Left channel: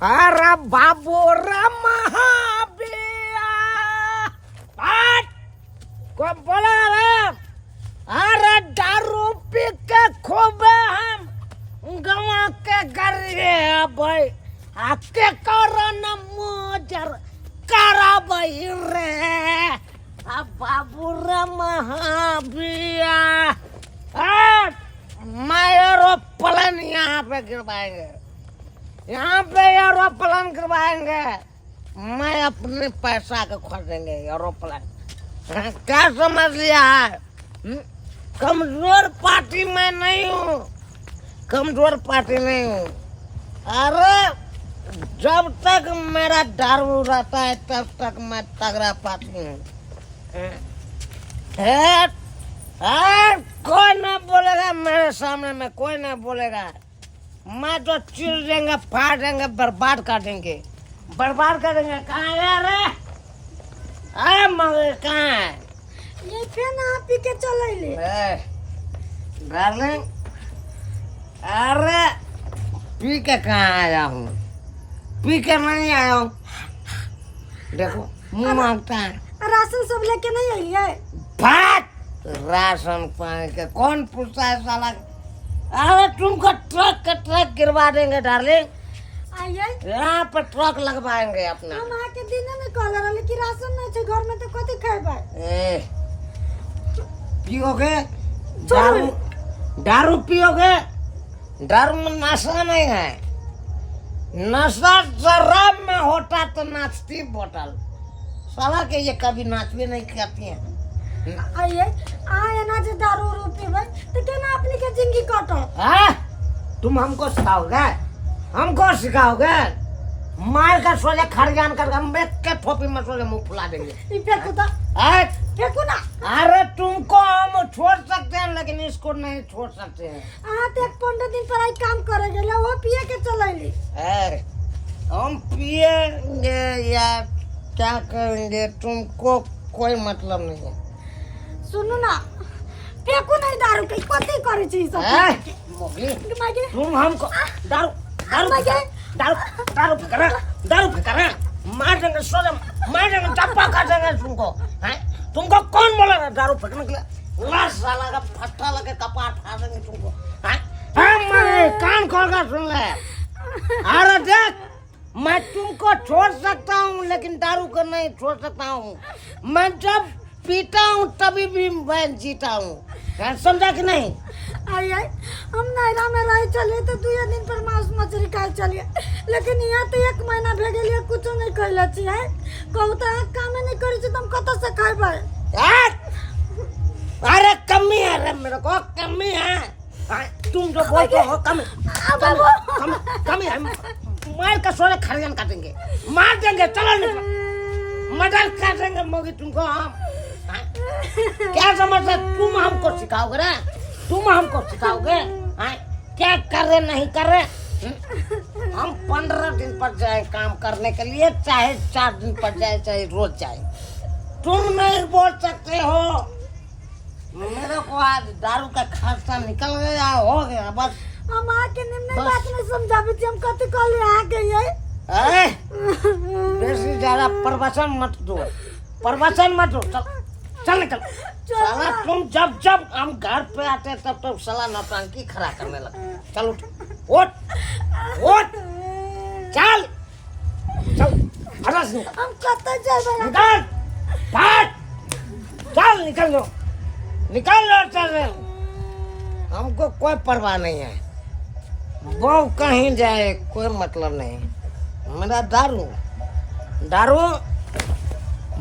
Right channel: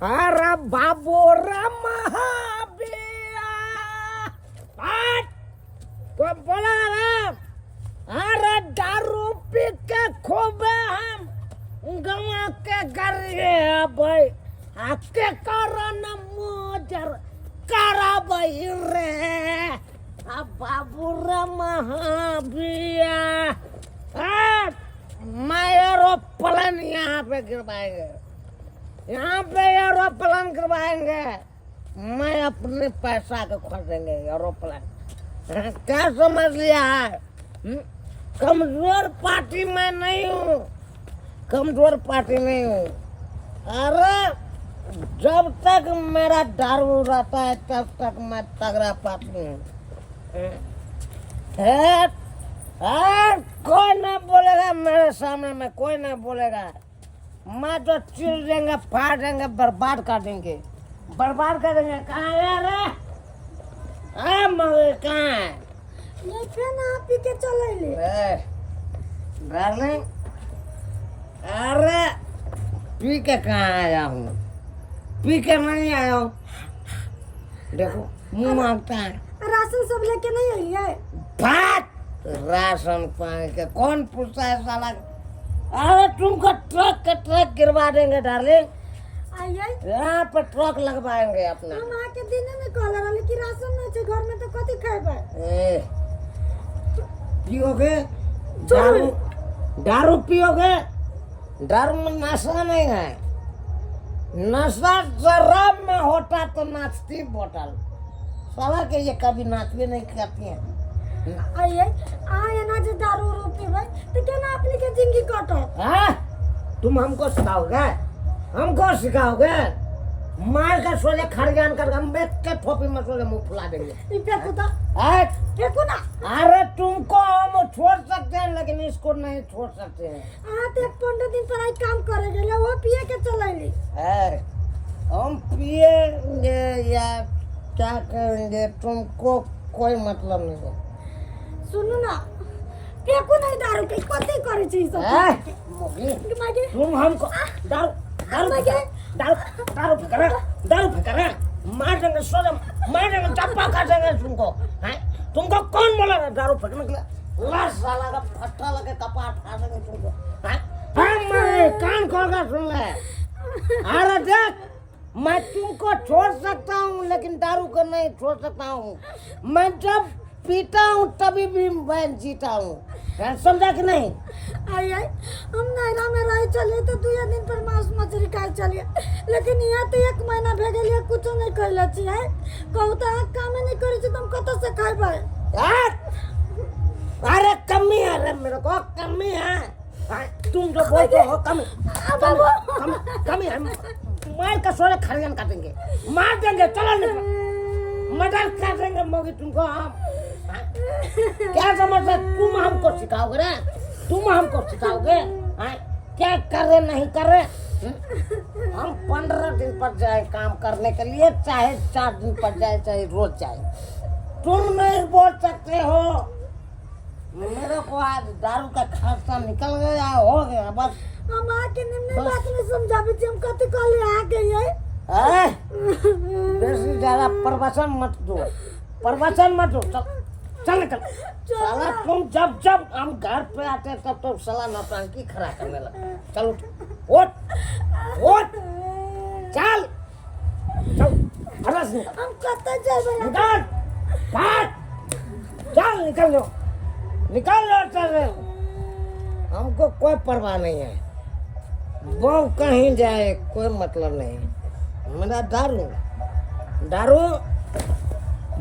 अरे बाबू रे महाबिया को बोला रे। अरे दारू पी के खूब हम गवा के गरिए भाई आके कारण मोजर करा भाई रे। अब बाबू रे महाबिया मैं एरोप्लेन यहाँ पे गिरवाएंगे, यहाँ पे एरोप्लेन गिरवाएंगे। मैं अपने पैसा के खरीदेंगे एरोप्लेन। क्या समझ लिया है? कमजोर पार्टी में नहीं हूँ, कमजोर पार्टी नहीं हूँ। अरे जब तक मेरा दारू रहता है तब तक मैं तगड़ा पार्टी हूँ। कोई ना बोलेगा मेरे सामने में, कोई ना बोलेगा। मैं तो चिर देंगे, फाड़ देंगे, बर्बाद कर देंगे, बर्बाद कर देंगे। कहाँ है रे? अरे मगर कहाँ है? ये फिर ना पी के चले ले। डार्लिंग, अरे पी के कहाँ आया हूँ? पी के नहीं आया हूँ। देखो मुंह मांगता है। राशन सब लेके नहीं आई है। भात राशन पानी के कौन पूछता है साला? अरे तुमको ट्रक के ट्रक गिरवा देंगे डार्लिंग। आइए यहाँ पर ट्रक लगवाएंगे अपना। हम आके दिन में कॉल रहा कि राशन नहीं है घर में तो कथी खाएबे? पियोगे दारू? दारू पियोगे? दारू में नशा नहीं है। नशा शराब में होता तो नाचती बोतल। साला के ये कभी नाच भी नहीं करती है। आइए आए ना जो दारू रूपी भाई तो क्या ना अपनी के जिंदगी काटो। हाँ? तुम हमको सिखाओगे? हमको सिखाओगे? मार का सोले खड़गान कर हम बेच के ठोपी में सोले मुंह फुला देंगे। ये फेंकू तो फेंकू ना। अरे तुमको हम छोड़ सकते हैं लेकिन इसको नहीं छोड़ सकते हैं। तो 15 दिन पर आई काम करेंगे ले वो पिए के चलेंगे। हम पिएंगे या क्या करेंगे तुमको कोई मतलब नहीं है। सुनो ना फेंकू नहीं दारू के कथी करे छी सब। तुम हमको दारू दारू दारू दारू फेंकना, दारू फेंकना, मार देंगे सोले, मार देंगे, चप्पा काट देंगे तुमको। हैं? तुमको कौन बोला था दारू फेंकने के लिए? लाश साला का फट्टा लगे कपाट फाड़ देंगे तुमको। हैं? कान खोल कर सुन ले। अरे देख मैं तुमको छोड़ सकता हूँ लेकिन दारू को नहीं छोड़ सकता हूँ। मैं जब पीता हूँ तभी भी मैं जीता हूँ। समझा कि नहीं? आइए हम नैरा में रही चलिए तो 2 दिन पर मांस मछली खाए चलिए लेकिन यहाँ तो 1 महीना भे गेलिए कुछ नहीं कहले छी है। कहू तो काम नहीं करे छी तुम कत से खाइबे? अरे कमी है रे, मेरे को कमी है। तुम जो बोलते हो कमी कमी है। मार का सोले खड़गन काटेंगे, मार देंगे, चलो निकलो, मर्डर कर देंगे मोगी तुमको हम। क्या समझते? तुम हमको सिखाओगे रे? तुम हमको सिखाओगे क्या कर रहे नहीं कर रहे? हम 15 दिन पर जाए काम करने के लिए, चाहे 4 दिन पर जाए, चाहे रोज जाए। तुम नहीं बोल सकते हो। मेरे को आज दारू का खर्चा निकल गया, हो गया बस। हम आके निम्न बात में समझाबे छी हम कथी कहले आ गए। बेसी ज्यादा प्रवचन मत दो, प्रवचन मत दो। चल निकल। साला तुम जब जब हम घर पे आते तब तो साला नौटंकी खड़ा करने लगा। चल उठ, उठ, उठ, चल, चल, हम कत जाबे? निकल, भाग, चल निकल लो, निकल लो, चल। हमको कोई परवाह नहीं है, वो कहीं जाए कोई मतलब नहीं। मेरा दारू दारू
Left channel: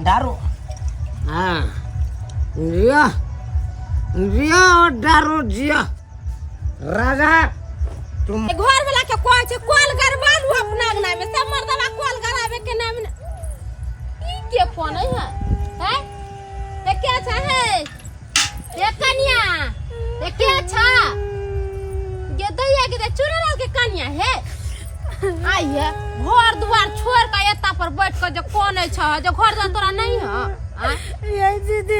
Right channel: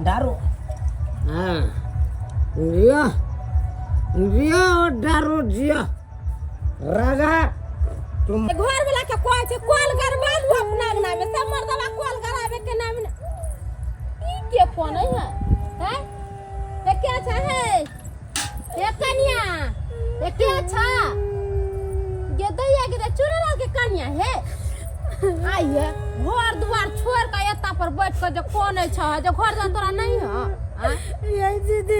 दारू हाँ जिया जिया और दारू जिया। राजा तुम घर वाला के कोई छे कॉल करवा लू अपना नाम में सब मर्दवा कॉल करावे के नाम में। ई के फोन है? हैं? ये क्या छा है? ये कन्या ये क्या छा? ये दैया के चुरा के कन्या है। आइए घर द्वार छोड़ के एता पर बैठ के जो कोन है छ जो घर द्वार तोरा नहीं है। ये दीदी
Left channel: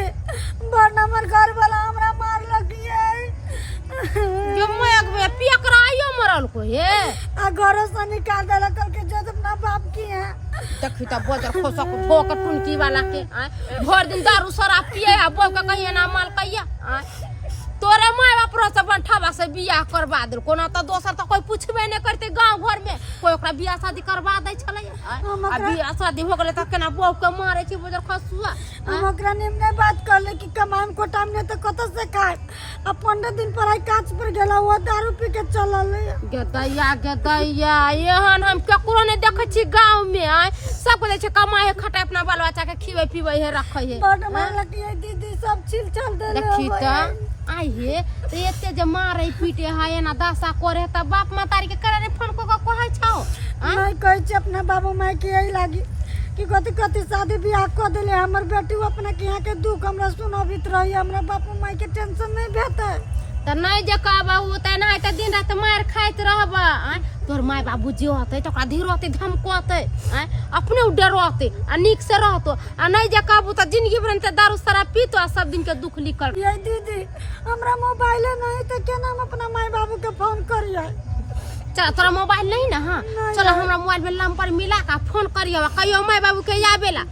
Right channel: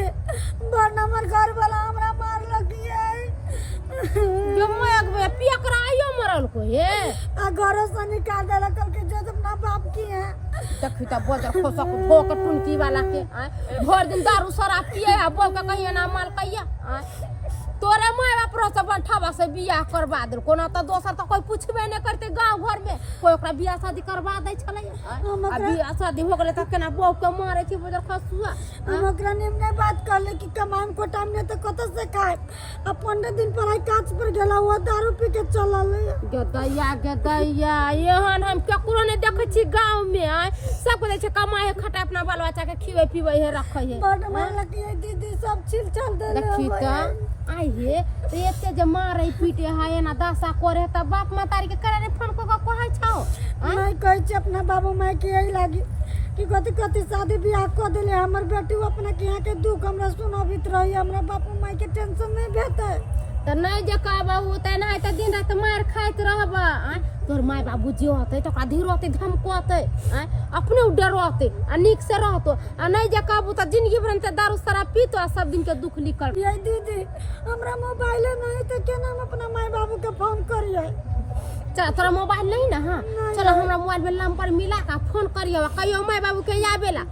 बड़ नंबर घर वाला हमरा मार लगी है। जो मैं पिया कराइयो मरल को हे आ घरों से निकाल देला कल के जो अपना बाप की है। देखी त बजर खोसक भोक टुनकी वाला के भर दिन दारू शराब पिए आ बोल के कहिए ना माल कहिया तोरे माय बाप रो से बंठावा से बियाह करवा दे कोनो त दोसर त कोई पूछबे नै करते गांव घर में कोई ओकरा बियाह शादी करवा दै छले आ बियाह शादी हो गेले त केना बौ के मारे छी बजर खसुआ हम ओकरा निमने बात करले कि कमाम को टाइम ने त कत से खाए अब 15 दिन पर आई काच पर गेला हुआ दारू पी के चलल गदैया एहन हम केकरो नै देखै छी गांव में सब कहै छै कमाए खटाए अपना बाल बच्चा के खिबै पिबै हे रखै हे बड़ मारला कि दीदी सब छिल चल देले देखी त आई हे तो एते जे मारे पीटे है ना दशा करे त बाप मातारी के करे फोन को कहै छौ मैं कहै छी अपना बाबू माई के यही लागी कि कथी कथी शादी बियाह कर देले हमर बेटी अपना के यहाँ के दुख हमरा सुनाबित रही हमरा बापू माई के टेंशन नहीं भेटै त नहीं जे कहबहु त नहीं त दिन रात मार खाइत रहबा तोर माय बाबू जे होतै त ओकरा धीरते धमकोतै अपने डरते आ निक से रहतो आ नहीं जे कहबू त जिंदगी भर त दारू शराब पीतो आ सब दिन के दुख लिखल ये दीदी हमरा मोबाइल नहीं त केना हम अपना माई बाबू के फोन करियै चल तोरा मोबाइल नहीं ना हां चल हमरा मोबाइल में नंबर मिला का फोन करियो कहियो माय बाबू के आबेला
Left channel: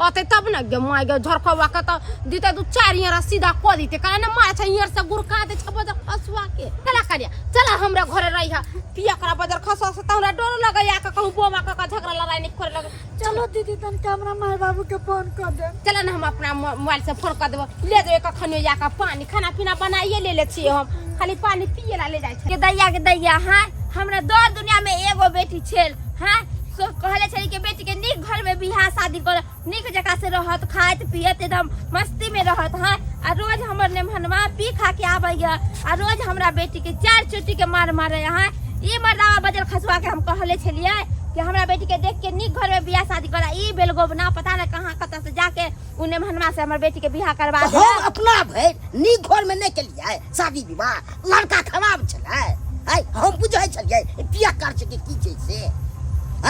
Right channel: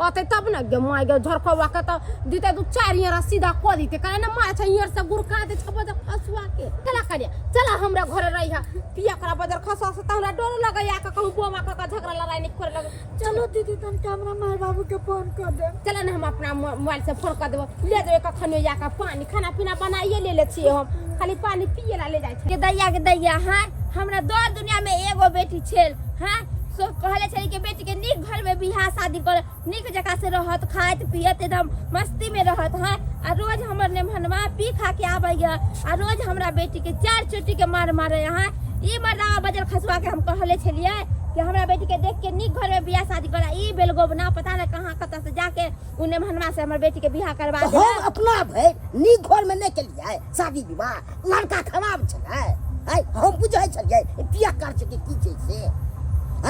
ओते तब न गे माय गे झरखवा के त दिते दू चार यहाँ सीधा क दिते काहे न माय छ यहाँ से गुरका दे छबो ज फसवा के चला करिया चला हमरा घरे रही हा पिया करा बजर खसवा से तोरा डर लगे या के कहू बोमा का झगड़ा लड़ाई नहीं करे लगे चलो दीदी तन हमरा माई बाबू के फोन कर दे चला न हम अपना मोबाइल से फोन कर देबो ले जेबे कखनो या का पानी खाना पीना बनाइए ले छिए हम खाली पानी पिए ला ले जाय छै के दैया हां हमरा दो दुनिया में एगो बेटी छेल हां सो कहले छली के बेटी के निक घर में बियाह शादी कर निक जगह से रहत खाइत पियत एकदम मस्ती में रहत हां आ रोज हमर ने मनवा पी खा के आबैया आ रोज हमरा बेटी के चार चोटी के मार मारे हां ई मर्दावा बजल खसवा के हम कहले छलिए कि हमरा बेटी के देख के निक घर में बियाह शादी करा ई बेलगोब ना पता ना कहां कत से जाके उने मनवा से हमर बेटी के बियाह करवा दे हम अपना भाई निक घर में नहीं के लिए शादी विवाह लड़का खराब छले हम बुझै छलिए पिया कर छै की छै से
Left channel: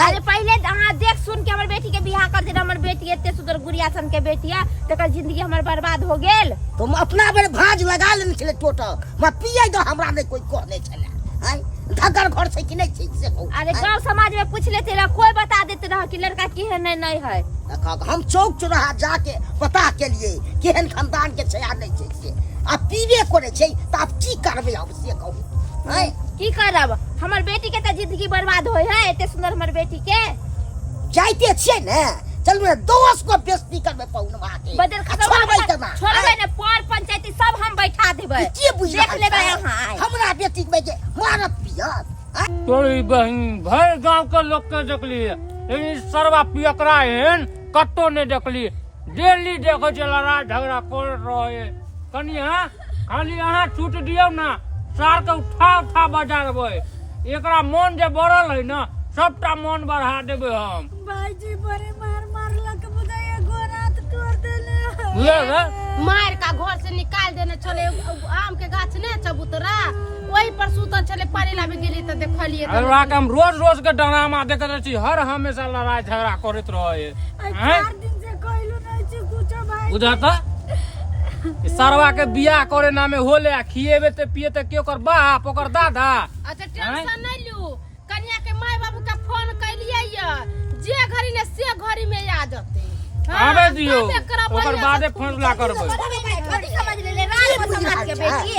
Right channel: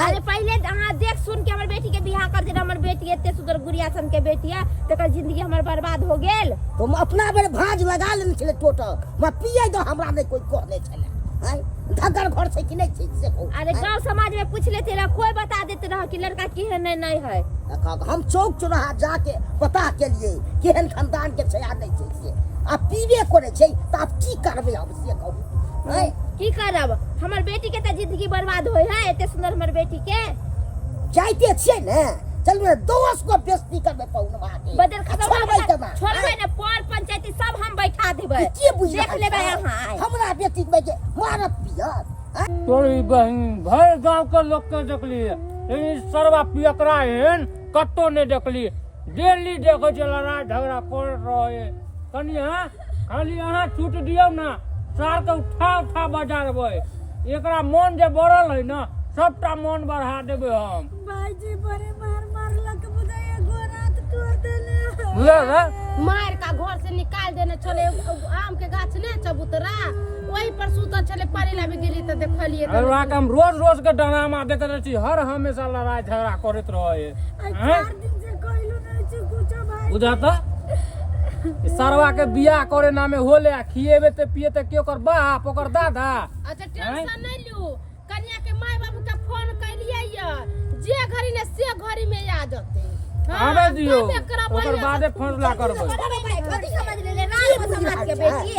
अरे पहले अहाँ देख सुन के हमर बेटी के बियाह कर दे हमर बेटी एते सुंदर गुड़िया सन के बेटिया तकर जिंदगी हमर बर्बाद हो गेल तुम अपना बेर भाज लगा लेने छले टोटल मैं पिए दो हमरा नहीं कोई कहने छले धगर घर से कि नहीं छै से अरे गांव समाज में पूछ लेते रह कोई बता देते रह कि लड़का केहन नहीं है हम चौक चौराहा जाके पता के लिए केहन खानदान के छै आ नहीं छै से आ पीबे करे छै त अब की करबे हम से कहू की करब हमर बेटी के त जिंदगी बर्बाद होय है एते सुंदर हमर बेटी के जाइते छिए ने चल मैं दोस्त को बेइज्जती करबे पौनमा के बदल छोड़बे ने पर पंचायती सब हम बैठा देबे देख लेबे यहां हमरा बेटी के मारत पियत तोरी बहन भर गांव के लोग के देखली लेकिन सरवा पियकरा एहन कत्तो ने देखली डेली देखो जे लड़ाई झगड़ा कर रहे कनिया खाली अहाँ छूट दियो ना सार के उठा बजा देबै एकरा मन जे बढ़ल है ना सबटा मन बढ़ा देबे हम भाईजी बड़े मार मारलक बुदाया गोरात तोड़ देले ले मार का घर से निकाल देने चले आम के गाछ ने चबूतरा वही पर सुतल चले पानी लाबे गेली त देखलिए त हम रोज के ड्रामा देखत छी हर हमेशा लड़ाई झगड़ा करत रहे 4 दिन से कहलो नहीं छी कुछ भाई बुझा त सरवा के बियाह करे नामे होले खिएबे ते पिएते के ओकर बाप ओकर दादा अच्छा टेंशन नहीं लू कन्या के माय बाबू का फोन कैलिए या जे घरी ने से घरी में आ जते आबे दियो ओकर बादे फैसला करबै छोटी समझ ले रात को समाज के बेटी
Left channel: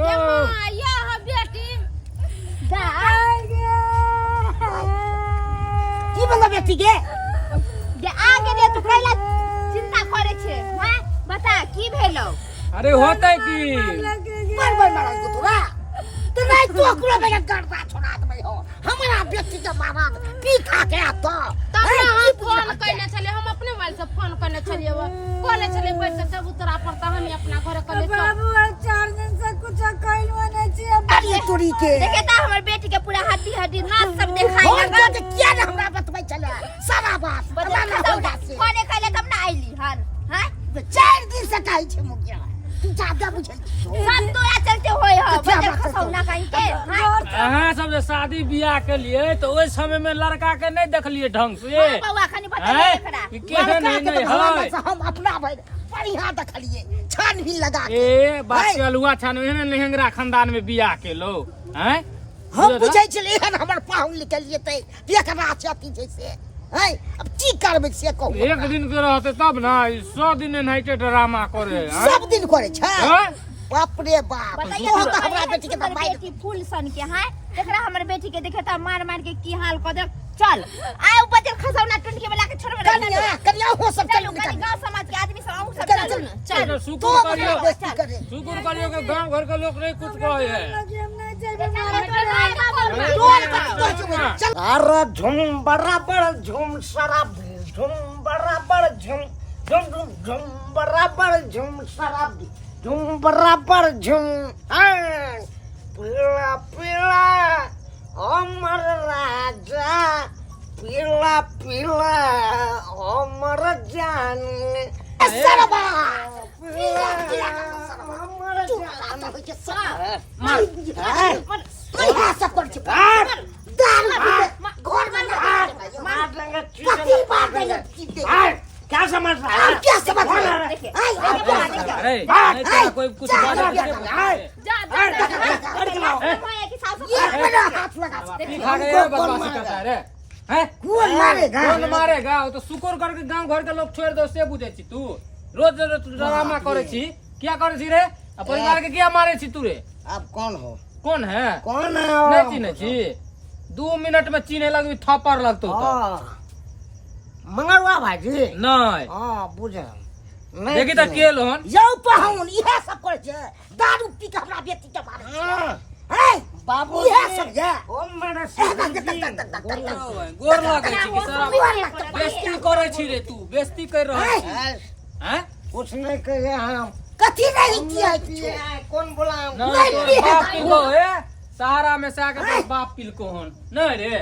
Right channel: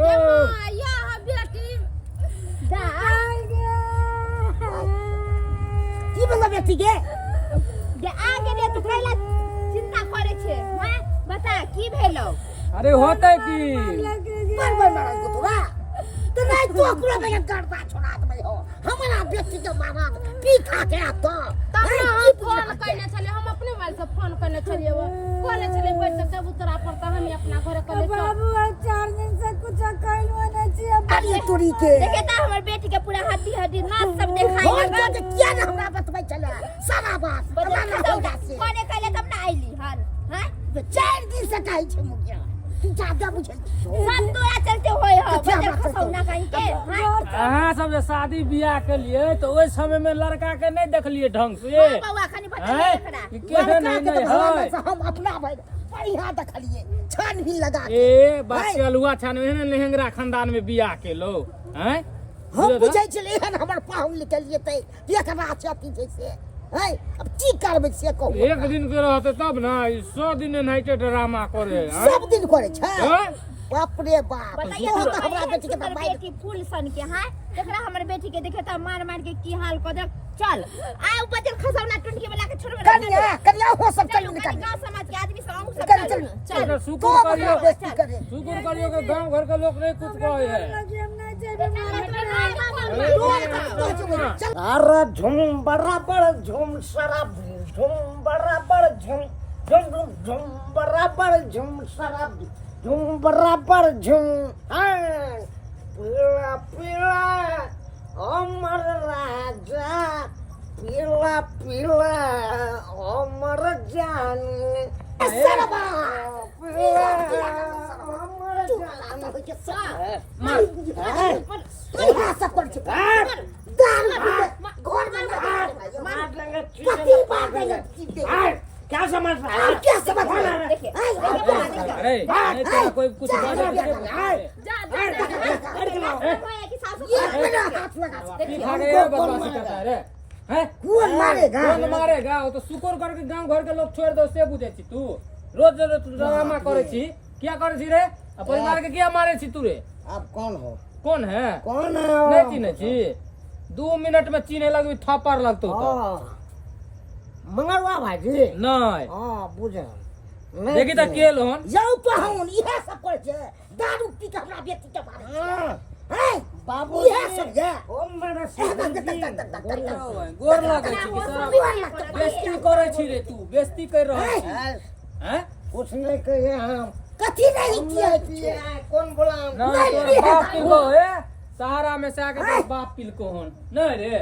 यो या बेटी जा की बंगा बेटी के आगे दे तू कैला चिंता करे छे हां बता की भेलो अरे होतै की बार मारल को तोरा तो नहीं तो ओकरा बेटा करता छोड़ा दे हो हमरा बेटी के मारा पी खा के आत तब हम फोन करने चले हम अपने मोबाइल से फोन करने चलिए वो कहले चले बैठ से चबूतरा पर त हम अपना घर कले बाबू 4 दिन से कुछ कहलो नहीं छी अरे तोरी के देखे त हमर बेटी के पूरा हड्डी नाच सब देखाई लगा के किया ने हमरा बतबै चले सारा बात बता हो जासे कोने कहले तब ना आइली हन हां 4 दिन से कहै छै मुखिया तू ज्यादा बुझे सब तोरा चलते होय हो बजर खसौना कहीं के हाँ? अहाँ सब जे शादी बियाह के लिए तो ओइ समय में लड़का के नहीं देखलिए ढंग से हाँ, बउआ खनी बता दे हैं? एकरा कि केहन है नहीं है हम अपना भाई बढ़िया देखलिए छानबीन लगा के ए बात चलुआ छानवे ने लहंगरा खानदान में बियाह के लो हैं हम बुझै छलिए हन हमर पाहुन निकलिए तै देखना चाहती जैसे है अब की करबै से कहू एक दिन के रहते तब ना 100 दिन नहीं के ड्रामा करे हैं? सब दिन करे छै हैं? बाप रे बाप बताइए तू तो तो हमरा बेटी के हमर मार बेटी फूल सन के है देखरा हमर बेटी के देखे त मार मार के की हाल क दे चल आय बजर खसौना टुंडी में लाके छोड़बे कन्या हो सब चलो चल कनी गांव समाज के आदमी सब आऊ सब चल, चल चल। तो शुक्र करियो बेइज्जती करे शुक्र करियो कि गांव घर के लोग नहीं कुछ कहे है लगे हम नहीं जेबे मारे चल अरे झूम बराबर झूम शराब झूम बराबर झूम झूम झूम झूम बराबर झूम शराब झूम बराबर झूम पीला पीला अमर राजा पीला पीला अमर जान सरबा अमर जान हो के सर मार सब कर दाल घर में मार लेंगे चीज़ मार देंगे क्या समझ रहा है क्या समझ रहा है देखिए अरे नहीं तेरा कोई कुछ बात मैं की सासू ये मेरा हाथ लगा की खा गए बदमाशी करता है रे हैं कौन मारेगा कौन मारेगा वो तो शुक्र करके गांव घर के लोग छोड़ दो से बुझे छी तू रोज रोज ड्रामा करे छी क्या करे छी रे परिवार के क्या मारे छी तू रे अब कौन हो कौन है कौन है नहीं चिन्हे छी 2 मिनट में चिन्हे लगबी थप्पड़ लगतो तो मंगलवा भाजी नहीं हां बुझे देखी त के लोन यौ पाहुन इहे सब करे छै दारू पी के हमरा बेटी के मारे है बाबू इहे सब है ओ मेरे गोर लगे छी कि सारा बेइज्जती करे छी रे तू बेइज्जती कर रहल छी हैं कुछ नहीं कहे हम कथी नहीं किया कौन बोला नहीं बाप पिल को है सहारा में से आके तो बाप पिल को हन नहीं रे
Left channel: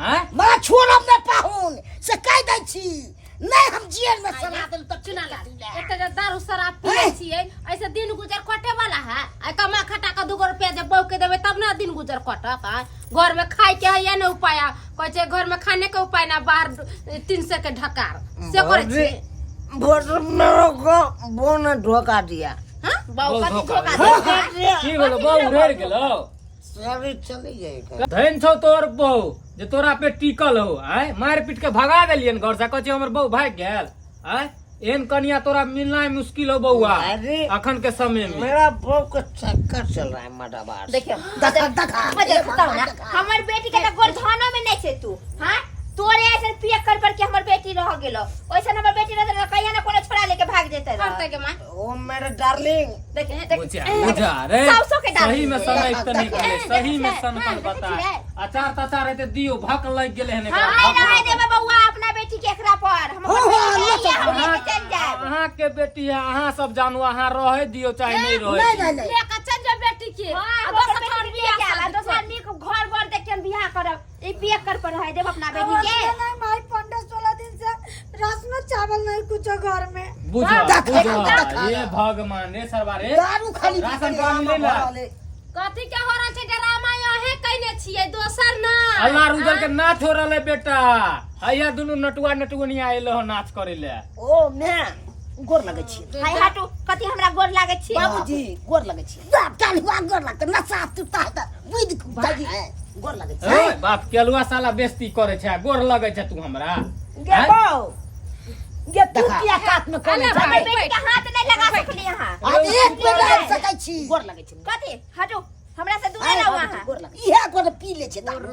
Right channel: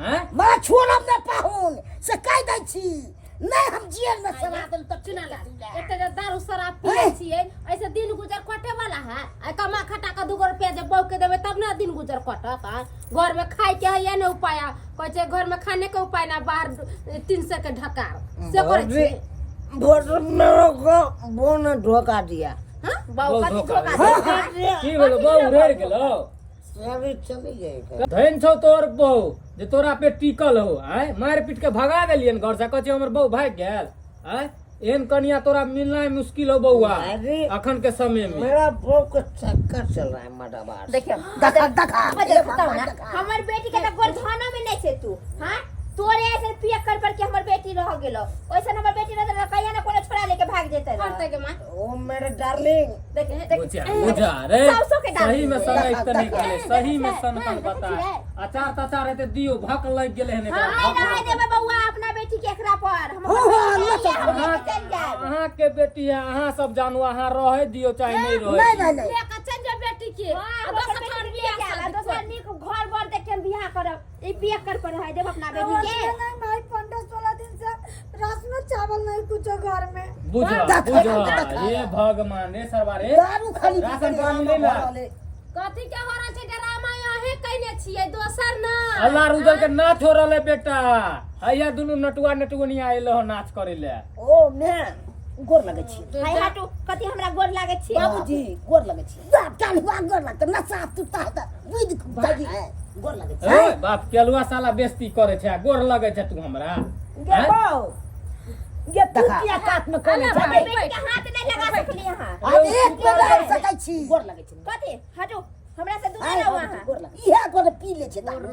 हैं मां छोड़ब ने पाहुन से कह दै छी नहीं हम जेल में सजा देल त चुना ला एते जे दारू शराब पिए छिए ऐसे दिन गुजर कटे वाला है आ कमा खटा का 2 रुपया जब बौ के देबे तब ना दिन गुजर कटत है घर में खाए के है या न उपाय कहै छै घर में खाने के उपाय ना बाहर 300 के ढकार से करे छी बोल मेरे को वो ने धोखा दिया हां बौ बहुत का धोखा धोखा की बोलो बहु रेड़ गेलो सारी चली गई धन छौ तोर बहु जे तोरा पे टिकल हो आय मार पीट के भगा देलियन घर से कहै हमर बहु भाग गेल आय एहन कनिया तोरा मिलना मुश्किल हो बउआ अरे अखन के समय में मेरा बहु का चक्कर चल रहा है मडाबार देखियो दखा मजे बताओ ना हमर बेटी के त गोर थाना में नहीं छै तू हां तोरे ऐसे पिया कर के हमर बेटी रह गेलो ओइसे हमर बेटी रह कहिया ना कोनो छोड़ा लेके भाग जेते करते के मां ओ मेरे डार्लिंग देख बुझा रे साउसो के डाल सही में समय त निकले सही में सनकन बता अचार तचार रहते दियो भक लग गेले हने हां नहीं देबे बउआ अपना बेटी के एकरा पर हम चल जाए अहाँ के बेटी है अहाँ सब जानू अहाँ रहे दियो चाहे नहीं रहे नहीं नहीं लेके चल जा बेटी के दोसर छोड़ बियाह दोसर निक घर बर देख के बियाह करब ई बियाह कर पर है देब अपना बेटी के नहीं भाई 15-16 दिन से राशन चावल नहीं कुछ घर में बुझा ये भगवान रे सरबारे दारू खाली राशन पानी ले ला कथि के हो रहा छै ड्रामा यहे कहने छियै दोसर ना अल्लाह रुदल के ना छोड़ले बेटा हैया दुनु नटुआ नटुनी आइल हो नाच करे ले ओ मैं गोर लगे छी हाय हटू कथि हमरा गोर लागे छी बाबूजी गोर लगे छी बाप काल हुआ गोर लगते नशा तुता है बुझ जागी गोर लगे छी ओए बाप केलुआ साला बेइज्जती करे छै गोर लगे छै तू हमरा गे बाऊ गे तू किया काट में करे हमर बेटी के हाथ नहीं लगा सकली यहां हम एक गोर कर सकै छी गोर लगे छी कथि हटू हमरा से दूर रहो वहां गोर लगे इहे गोर पी ले छै दारू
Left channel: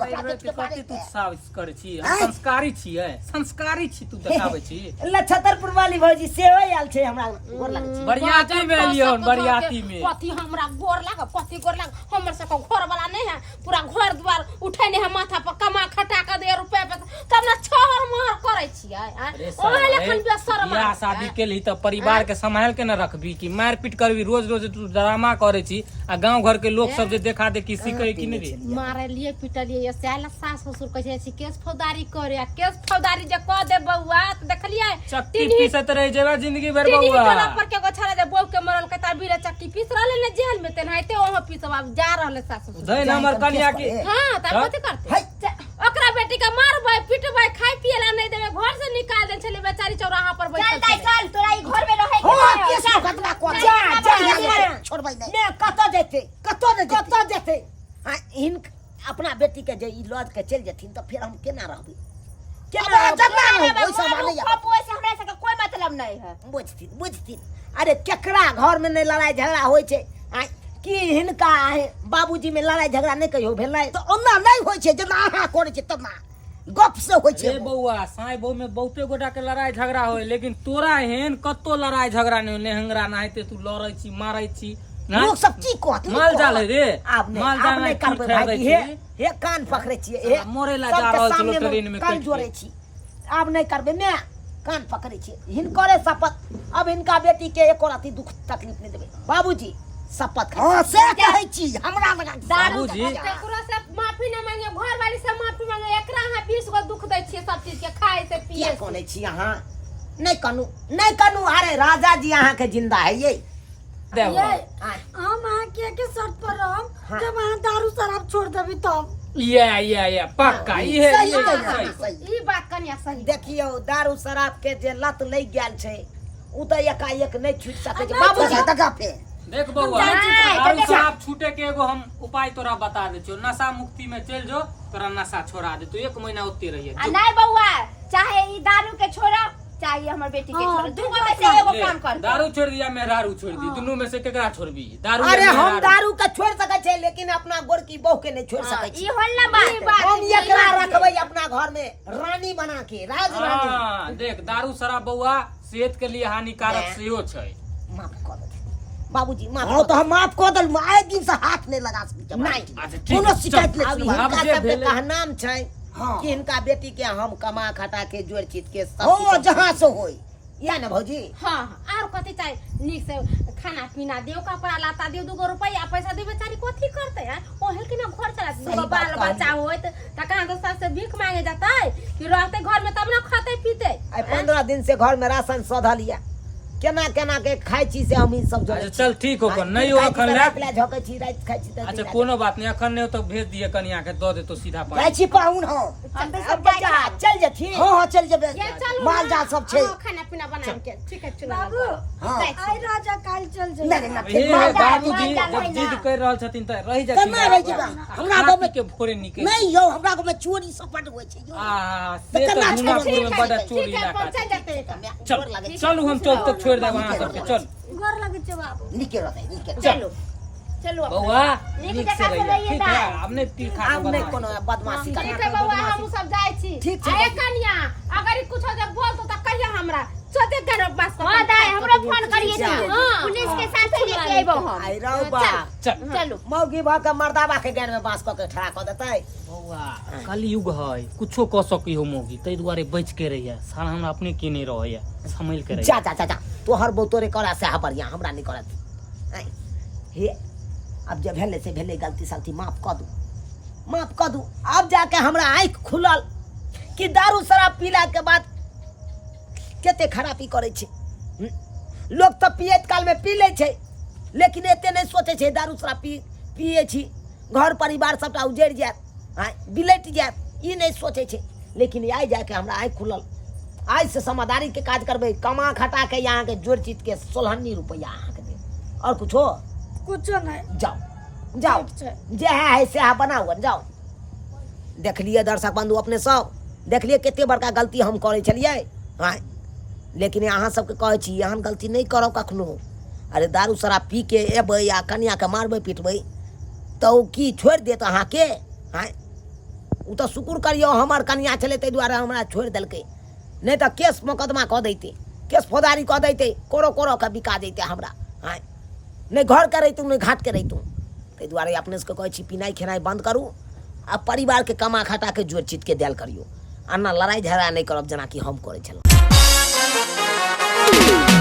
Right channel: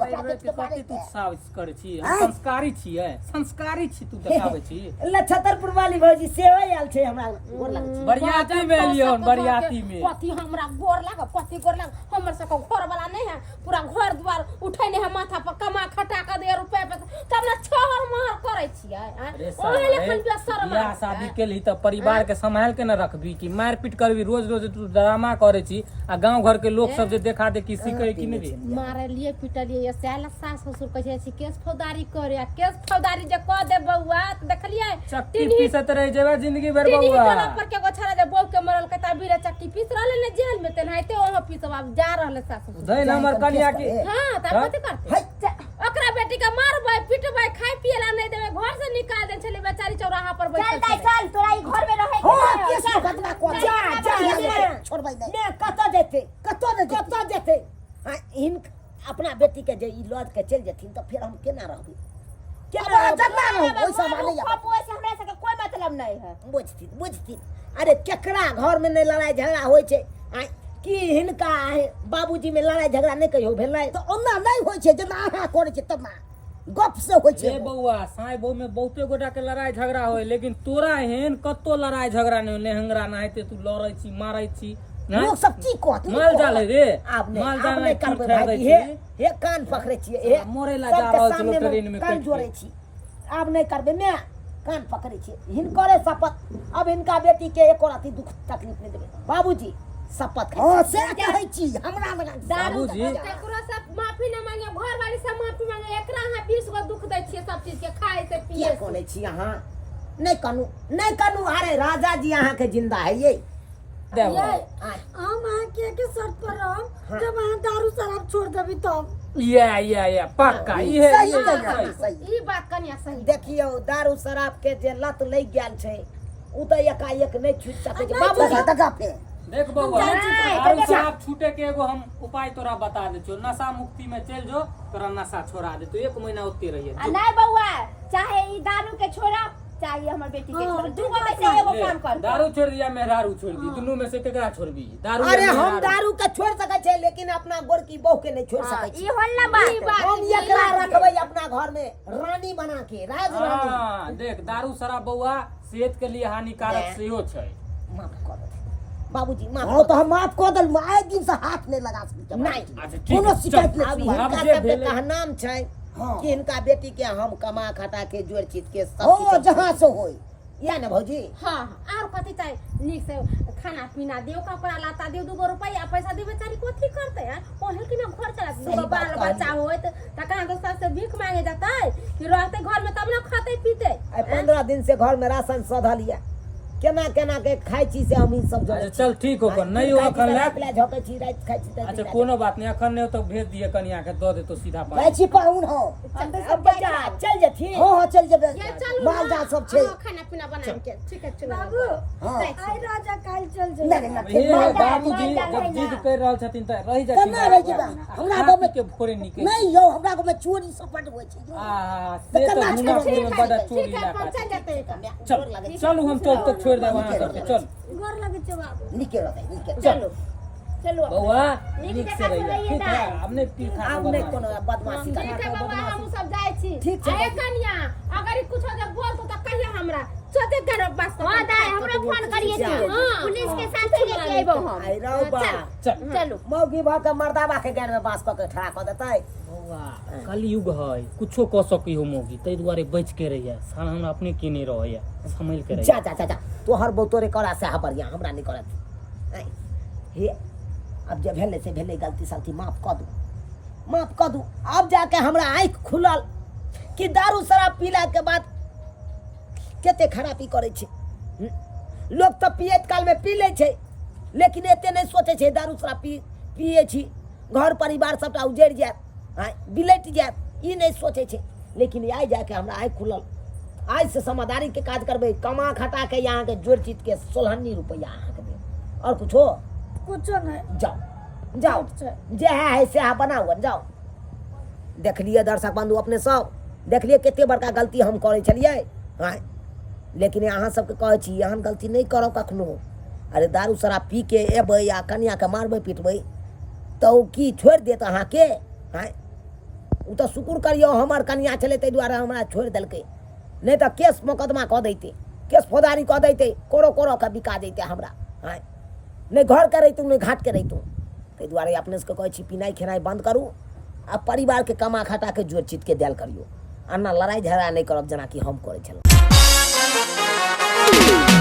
कथि तू साबित करे छी हम संस्कारी छियै संस्कारी छी तू देखाबै छी लछतरपुर वाली भौजी सेवा आयल छै हमरा गोर लगे छी बरियाती में एलियन बरियाती में कथि हमरा गोर लाग कथि गोर लाग हमर सब घर वाला नहीं है पूरा घर द्वार उठेने है माथा पर कमा खटा के दे रुपया पे तब ना छहर महर करे छियै ओहे लेखन पे सरवा बियाह शादी के ली तो परिवार के संभाल के न रखबी कि मार पीट करबी रोज रोज तू ड्रामा करे छी आ गांव घर के लोग सब जे देखा दे कि सीखे कि नहीं रे मारे लिए पिटलिए से आला सास ससुर कहे छी केस फौदारी करे आ केस फौदारी जे क दे बउआ त देखलिए चक्की पीसत रह जेबे जिंदगी भर टीनी बउआ टोला पर के गो छाड़ा जे बउ के मरल के ता बीरे चक्की पीस रहले ने जेल में तेन हाइते ओहो पीसब अब जा रहले सास ससुर धई हमर कन्या के हां त कथि करते ओकरा बेटी का मारबै पिटबै खाइ पियला नहीं देबे घर से निकाल दे छले बेचारी चौराहा पर बैठल चल चल तोरा ई घर में रहे हो केस मुकदमा को जा छोड़बै नहीं मैं कत जेते हां इन अपना बेटी के जे ई लद के चल जथिन त फिर हम केना रहबै केना ओइ सब माने खपो से हमरा से कोई मतलब नहीं है बुझथिन अरे केकरा घर में नहीं लड़ाई झगड़ा होय छै कि हिनका बाबूजी में लड़ाई झगड़ा नहीं कहियो भेलै तो ओना नहीं होय छै जेना अहाँ करै छै तना गप से होय छै ए बउआ साई बहु में बहुते गोटा के लड़ाई झगड़ा होय लेकिन तोरा हेन कत्तो लड़ाई झगड़ा नहीं लेहंगरा नाहिते तू लड़ै छी मारै छी लोग सब की कहत माल जाल है रे आब नहीं करबै भाई हे कान पकड़े छियै मोरे ला जा रहल छलो ट्रेन में कान जोड़े छी आब नहीं करबै मैं कान पकड़े छियै हिनकरे शपथ अब हिनका बेटी के एको राती दुख तकलीफ नहीं देबै बाबूजी शपथ हां से कहै छी हमरा लगा बाबूजी एकरो से माफी न मांगे घर वाली से माफी मांगे एकरा हां 20 गो दुख दै छियै सब चीज के खाए से पिए के कोने छी अहाँ नहीं कनु अरे राजा जी अहाँ के जिंदा है ये हम अहाँ के शर्त पर रहम जब अहाँ दारू शराब छोड़ देबी तब या पक्का ये सही ई बात कनिया सही देखियो दारू शराब के जे लत लग गेल छै उ त एकाएक नहीं छूट सकै छै बाबूजी तका पे देख बउआ दारू शराब छूटे के एगो हम उपाय तोरा बता दे छियो नशा मुक्ति में चल जो तोरा नशा छोड़ा दे तू 1 महीना ओते रहिए नहीं बउआ चाहे ई दारू के छोड़ा चाहिए हमर बेटी के छोड़ दूगो में से एगो काम कर दारू छोड़ दिया मैं दारू छोड़ दी दोनों में से केकरा छोड़बी दारू अरे हम दारू के छोड़ सकै छै लेकिन अपना गोरकी बहू के नहीं छोड़ सकै छी ई होल ना बात हम एकरा रखबै अपना घर में रानी बना के राज रानी हां देख दारू शराब बउआ सेहत के लिए हानिकारक सेहो छै माफ कर दे बाबूजी माफ तो हम माफ कर दल आए दिन से हाथ नहीं लगा सकै नहीं कोनो शिकायत नहीं हिनका सब का नाम छै कि इनका बेटी के हम कमा खटा के जोड़ चीज के सब हो जहां से होई या ना भौजी हां और कथि चाहि नीक से खाना पीना दियो कपड़ा लाता दियो 2 रुपया पैसा दे बेचारी कथि करते है ओहल के ना घर चला दो बाल बच्चा होत त कहां दोसर से भीख मांगे जाता कि रहते घर में तब ना खाते पीते 15 दिन से घर में राशन सधा लिया केना के खाइ छी से हम इन सब जोड़े चल ठीक हो कर नहीं हो अखन ले झोकै छी रात खाइ छी त अच्छा कोनो बात नहीं अखन नहीं हो तो भेज दिए कनिया के दो दे तो सीधा जाय छी पाहुन हो अब बच्चा चल जथी हां चल जेबे माल जा सब छै खाना पीना बना के ठीक है चलो बाबू आई राजा काल चल जे ए बाबूजी जब जिद कर रहल छथिन त रहि जथिन केना रहि जेबा हमरा गांव में के फोरे निकल नहीं यौ हमरा गांव में चोरी सपट होय छै यौ से तो दुनापुर में बड़ा चोरी इलाका चल जाते चल चलू हम चल तक छोड़ दे वहां सबके चल घर लगे छै बाबू निके रहते निके चलो चलो बउआ नीक से रहिए ठीक है हमने तीर खा आब नहीं कोनो बदमाशी कर ठीक है बाबा हम सब जाय छी ठीक छै। अरे कन्या अगर ई कुछ जब बोल तो कहिया हमरा सोते कर बस हां दाई हमरा फोन करिए जा। तू पुलिस के साथ लेके आइबो हम आई रहो बा चल चलो मौगी भा के मर्दावा के गैर में बांस पके ठड़ा क देतै बउआ कलयुग है कुछो क सकी हो मोगी तै दुआरे बच के रहिए सारा हमरा अपने की नहीं रहैया संभल के रहिए जा तोहर बोतोरे करा से हबरिया हमरा नहीं करत आई हे अब जब भेले से भेले गलती सलती माफ क दू अब जाके हमरा आँख खुलल कि दारू शराब पीला के बाद केते खराबी करे छै लोग तो पियत काल में पी ले छै लेकिन एते नहीं सोचे छै दारू शराब पिए छी घर परिवार सबटा उजड़ जात बिलट जात ई नहीं सोचे छै लेकिन आई जाके हमरा आँख खुलल आज से समझदारी के काज करबे कमा खटा के यहाँ के जोड़ चीज के 16 रुपया अहाँ के दे और कुछ हो कुछ नहीं जाओ जे है से है बनाओ जाओ देख लिए दर्शक बंधु अपने सब देख लिए केते बड़का गलती हम करे छलिए हाँ लेकिन अहाँ सबके कहै छी एहन गलती नहीं करो कखनो अरे दारू शराब पी के एबै या कन्या के मारबै पिटबै तो की छोड़ देत अहाँ के हाँ उ तो शुक्र करियो हमर कन्या छलै ताहि दुआरे हमरा छोड़ देलकै नहीं तो केस मुकदमा कऽ दैते केस फौदारी कऽ दैते कोरो के बिका दैते हमरा हाँ नहीं घर के रहितू नहीं घाट के रहितू ताहि दुआरे अपने सबके कहै छी पिनाइ खेनाइ बंद करू आ परिवार के कमा खटा के जोड़ चीज के देल करियो अन्ना लड़ाई झगड़ा नहीं करब जेना कि हम करै छलहुँ। रे